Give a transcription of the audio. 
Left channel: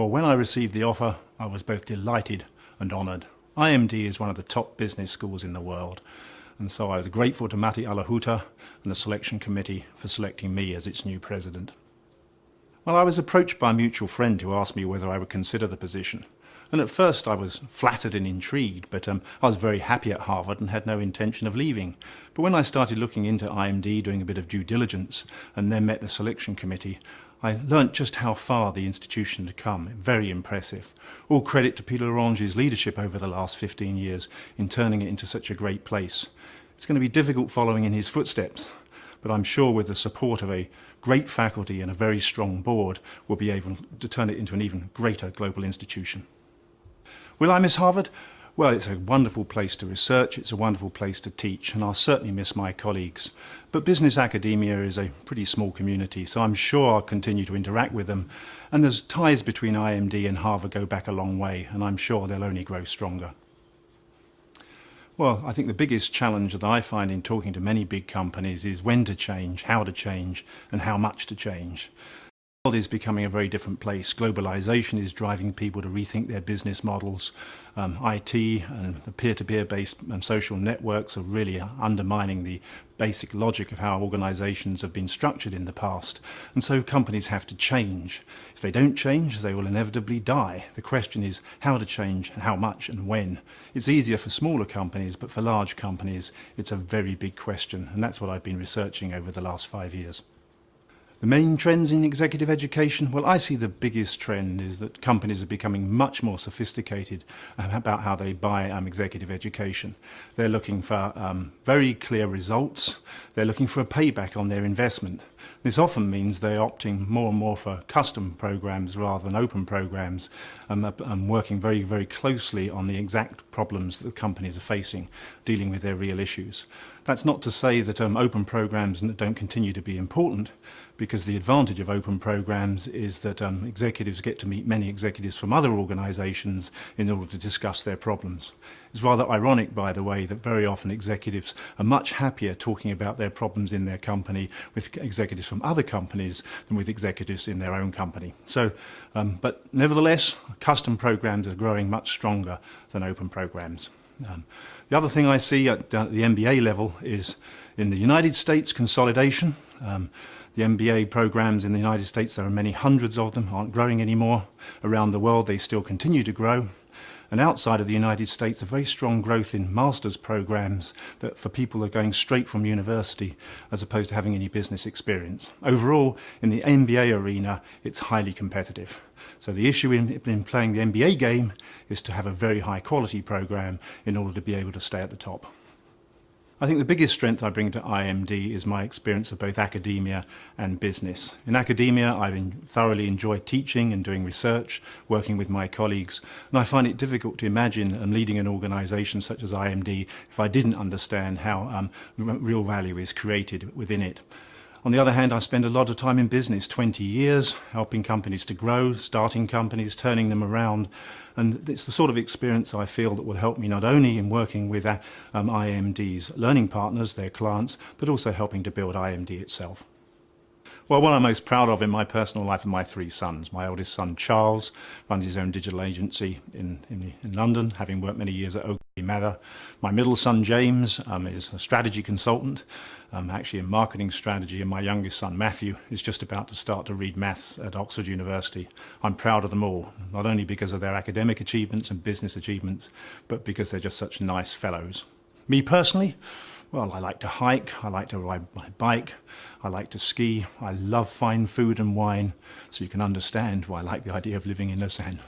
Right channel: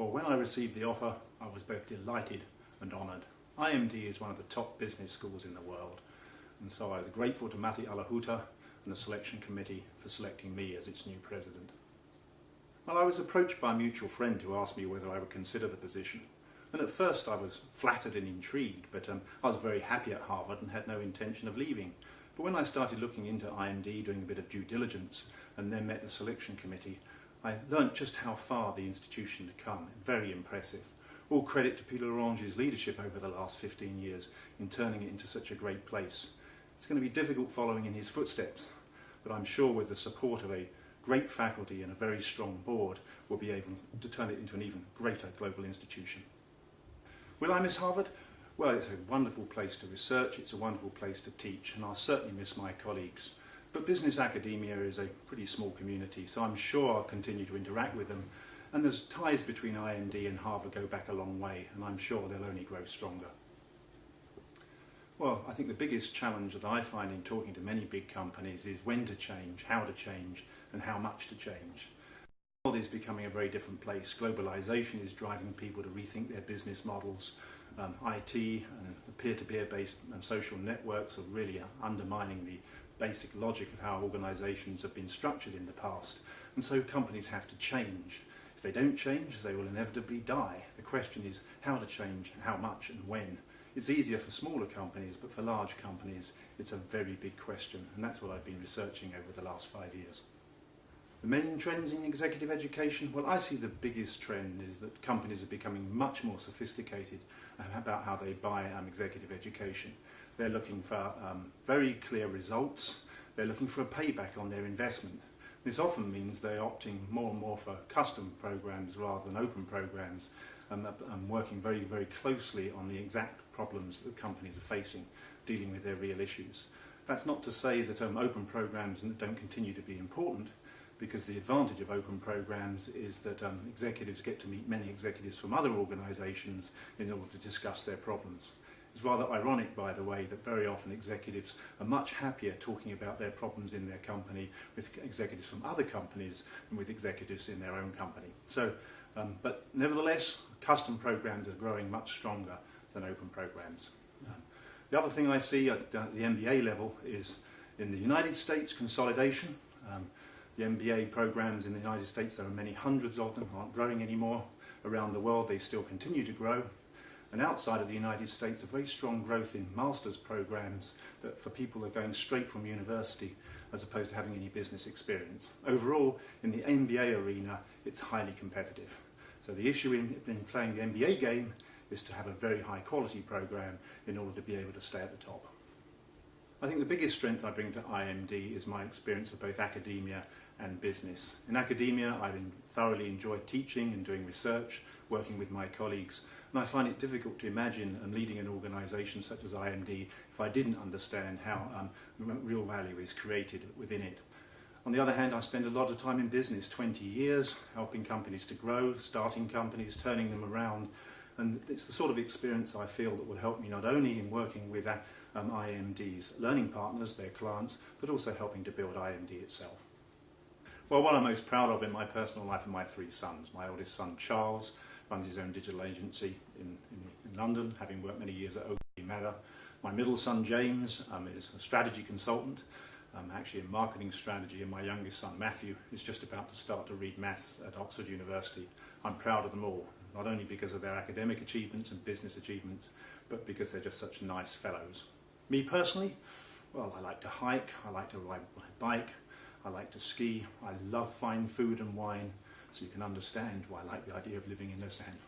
Well, when I received the offer, I was both delighted and honoured. IMD is one of the top business schools in the world, and so I was grateful to Matti Alahuta and the selection committee for selecting me as its new president. Well, I was approached by a mutual friend who asked me whether I would consider the position. And at first I was flattered and intrigued, but I was very happy at Harvard and had no intention of leaving. But when I started looking into IMD, doing a bit of due diligence, and then met the selection committee, I learnt just how far the institution had come. Very impressive. All credit to Peter Orange's leadership over the last 15 years in turning it into such a great place. It's going to be difficult following in his footsteps, but I'm sure with the support of a great faculty and a very strong board, we'll be able to turn it into an even greater global institution. Will I miss Harvard? Well, it's a wonderful place to research, it's a wonderful place to teach, and I'll certainly miss my colleagues. But business academia is a pretty small community, so I'm sure I'll continue to interact with them. And there's ties between IMD and Harvard go back a long way, and I'm sure they'll only grow stronger. Well, I think the biggest challenge that I find in talking to many big companies is when to change, how to change, and how much to change. The world is becoming a very different place. Globalization is driving people to rethink their business models. IT and the peer-to-peer based social networks are really undermining the basic logic of how organizations have been structured in the past. And so companies have to change. If they don't change, they will inevitably die. The question is how to change, and how much, and when. It's easier for smaller companies, but for large companies, it's a very big question. And that's what I've been researching over the last 5 years. The main trends in executive education? Well, I see the biggest trend is that companies are becoming much more sophisticated about how they buy executive education. They're looking for very clear results. They're looking for a payback on their investment. This often means they're opting more and more for custom programs rather than open programs, and working very, very closely on the exact problems that the companies are facing, dealing with their real issues. That's not to say that open programs don't continue to be important, because the advantage of open programs is that executives get to meet many executives from other organizations in order to discuss their problems. It's rather ironic, by the way, that very often executives are much happier talking about their problems in their company with executives from other companies than with executives in their own company. So, but nevertheless, custom programs are growing much stronger than open programs. The other thing I see at the MBA level is in the United States, consolidation. The MBA programs in the United States, there are many hundreds of them, aren't growing anymore. Around the world, they still continue to grow. And outside of the United States, a very strong growth in master's programs that for people who are going straight from university as opposed to having any business experience. Overall, in the MBA arena, it's highly competitive. So the issue in playing the MBA game is to have a very high quality program in order to be able to stay at the top. I think the biggest strength I bring to IMD is my experience of both academia and business. In academia, I've thoroughly enjoyed teaching and doing research, working with my colleagues, and I find it difficult to imagine leading an organization such as IMD if I didn't understand how real value is created within it. On the other hand, I spend a lot of time in business, 20 years, helping companies to grow, starting companies, turning them around. And it's the sort of experience I feel that will help me not only in working with IMD's learning partners, their clients, but also helping to build IMD itself. Well, what I'm most proud of in my personal life are my 3 sons. My eldest son, Charles, runs his own digital agency in London, having worked many years at Ogilvy Mather. My middle son, James, is a strategy consultant, actually in marketing strategy, and my youngest son, Matthew, is just about to start to read maths at Oxford University. I'm proud of them all, not only because of their academic achievements and business achievements, but because they're just such nice fellows. Me personally, well, I like to hike, I like to ride my bike, I like to ski, I love fine food and wine, so you can understand why I like the idea of living in Lausanne.